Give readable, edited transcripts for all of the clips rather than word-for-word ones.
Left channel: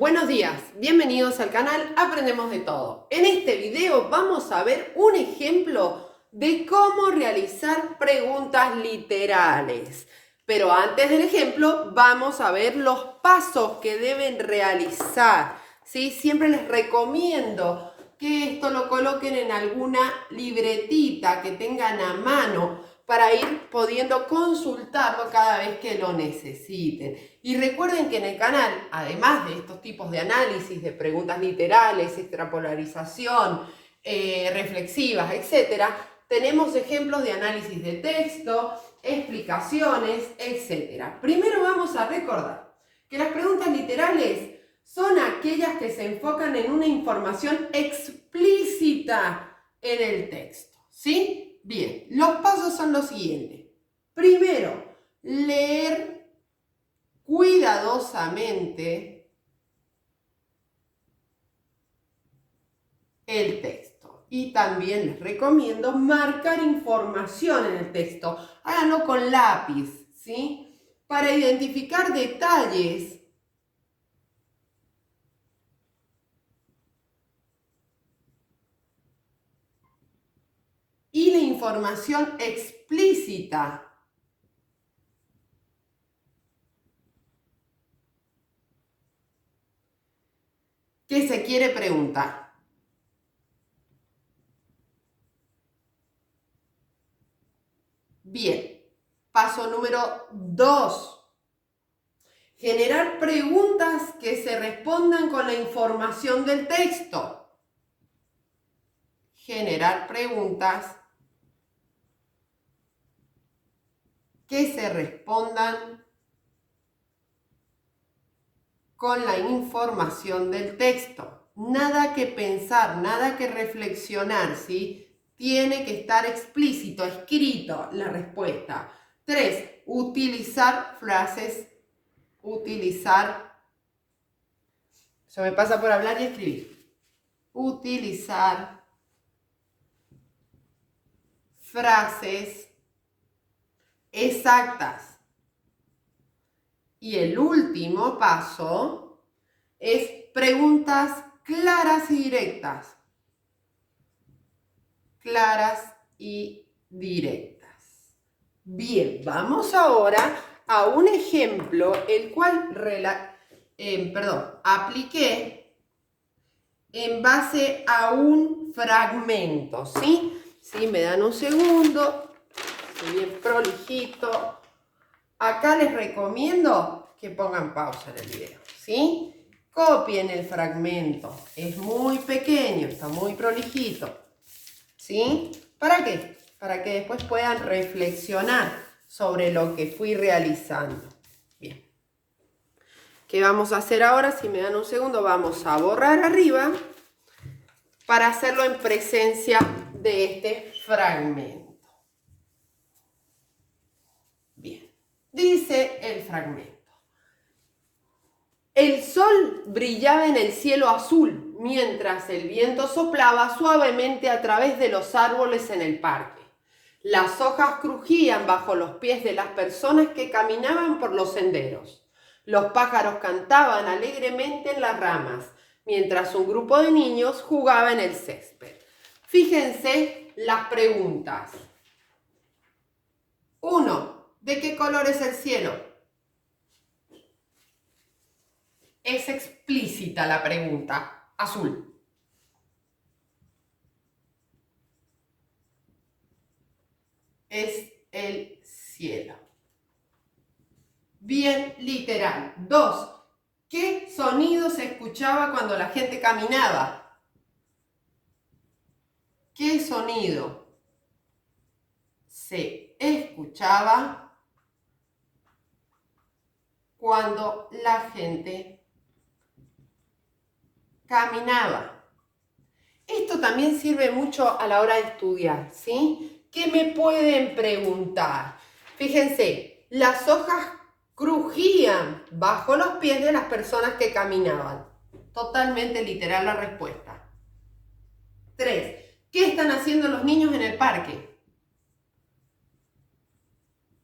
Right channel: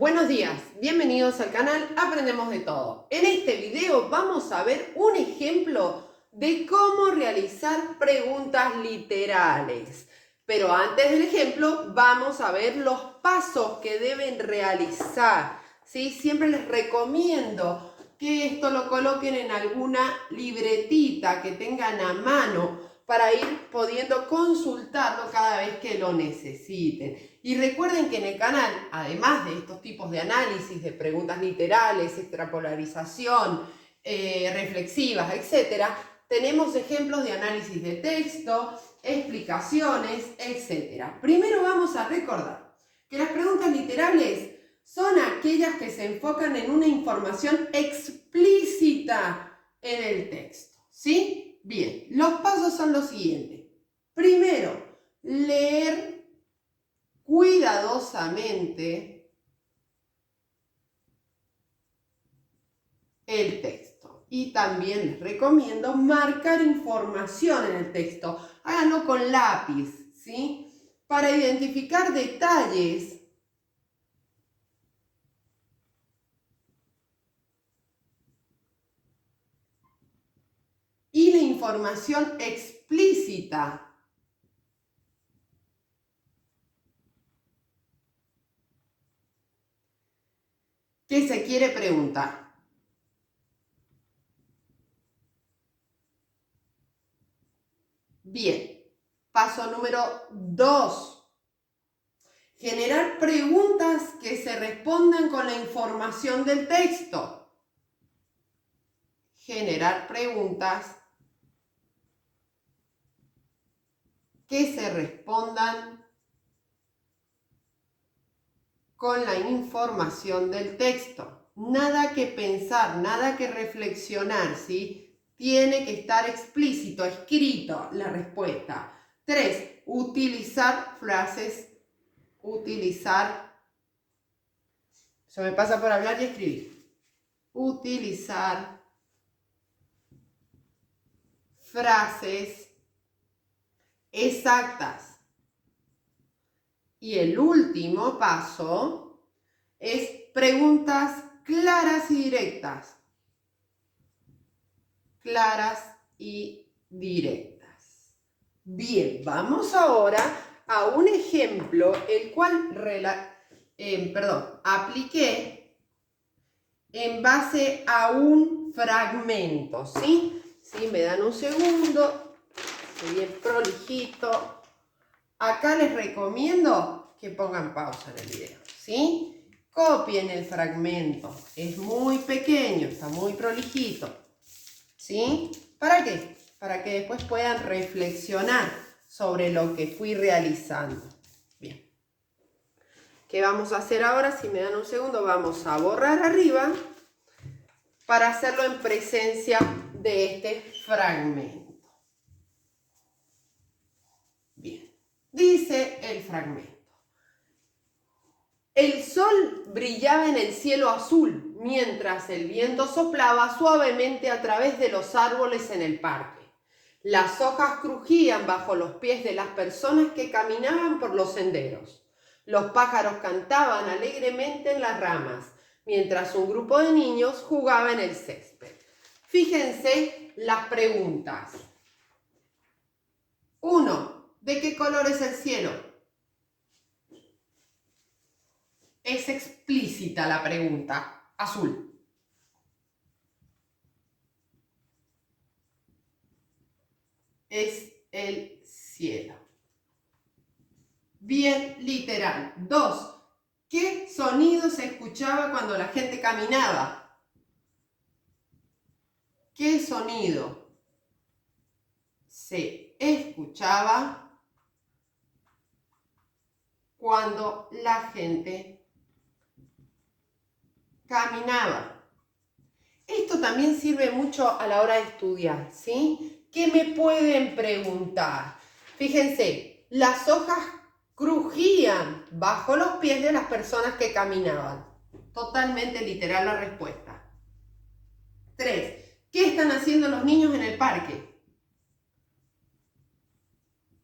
Buenos días, bienvenidos al canal Aprendemos de Todo. En este video vamos a ver un ejemplo de cómo realizar preguntas literales. Pero antes del ejemplo vamos a ver los pasos que deben realizar, ¿sí? Siempre les recomiendo que esto lo coloquen en alguna libretita que tengan a mano para ir pudiendo consultarlo cada vez que lo necesiten. Y recuerden que en el canal, además de estos tipos de análisis, de preguntas literales, extrapolarización, reflexivas, etc., tenemos ejemplos de análisis de texto, explicaciones, etc. Primero vamos a recordar que las preguntas literales son aquellas que se enfocan en una información explícita en el texto, ¿sí? Bien, los pasos son los siguientes. Primero, leer cuidadosamente el texto. Y también les recomiendo marcar información en el texto. Háganlo con lápiz, ¿sí? Para identificar detalles y la información explícita que se quiere preguntar. Bien, paso número 2. Generar preguntas que se respondan con la información del texto. Generar preguntas que se respondan con la información del texto. Nada que pensar, nada que reflexionar, ¿sí? Tiene que estar explícito, escrito la respuesta. 3. Utilizar frases. Eso me pasa por hablar y escribir. Utilizar frases exactas. Y el último paso es preguntas claras y directas. Claras y directas. Bien, vamos ahora a un ejemplo, el cual apliqué en base a un fragmento, ¿sí? ¿Sí? Me dan un segundo, estoy bien prolijito. Acá les recomiendo que pongan pausa en el video, ¿sí? Copien el fragmento, es muy pequeño, está muy prolijito, ¿sí? ¿Para qué? Para que después puedan reflexionar sobre lo que fui realizando. Bien. ¿Qué vamos a hacer ahora? Si me dan un segundo, vamos a borrar arriba para hacerlo en presencia de este fragmento. Bien. Dice el fragmento. El sol brillaba en el cielo azul, mientras el viento soplaba suavemente a través de los árboles en el parque. Las hojas crujían bajo los pies de las personas que caminaban por los senderos. Los pájaros cantaban alegremente en las ramas, mientras un grupo de niños jugaba en el césped. Fíjense las preguntas. 1. ¿De qué color es el cielo? Es explícita la pregunta. Azul. Es el cielo. Bien literal. 2. ¿Qué sonido se escuchaba cuando la gente caminaba? ¿Qué sonido se escuchaba cuando la gente caminaba? Esto también sirve mucho a la hora de estudiar, ¿sí? ¿Qué me pueden preguntar? Fíjense, las hojas crujían bajo los pies de las personas que caminaban. Totalmente literal la respuesta. 3. ¿Qué están haciendo los niños en el parque?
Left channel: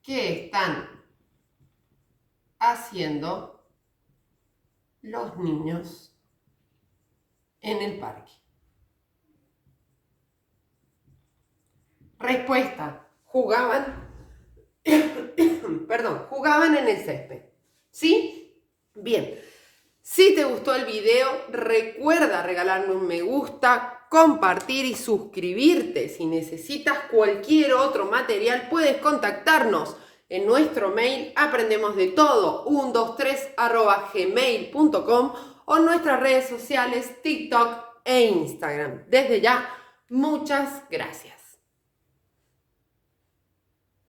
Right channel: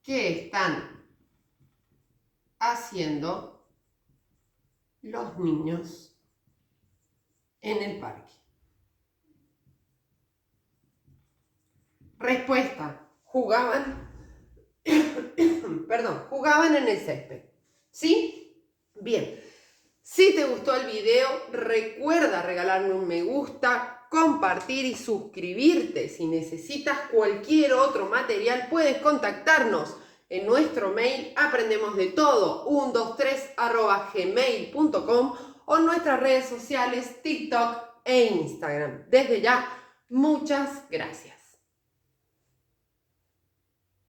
¿Qué están haciendo los niños en el parque? Respuesta, jugaban, jugaban en el césped. ¿Sí? Bien. Si te gustó el video, recuerda regalarme un me gusta, compartir y suscribirte. Si necesitas cualquier otro material, puedes contactarnos en nuestro mail aprendemosdetodo123@gmail.com o en nuestras redes sociales TikTok e Instagram. Desde ya, muchas gracias.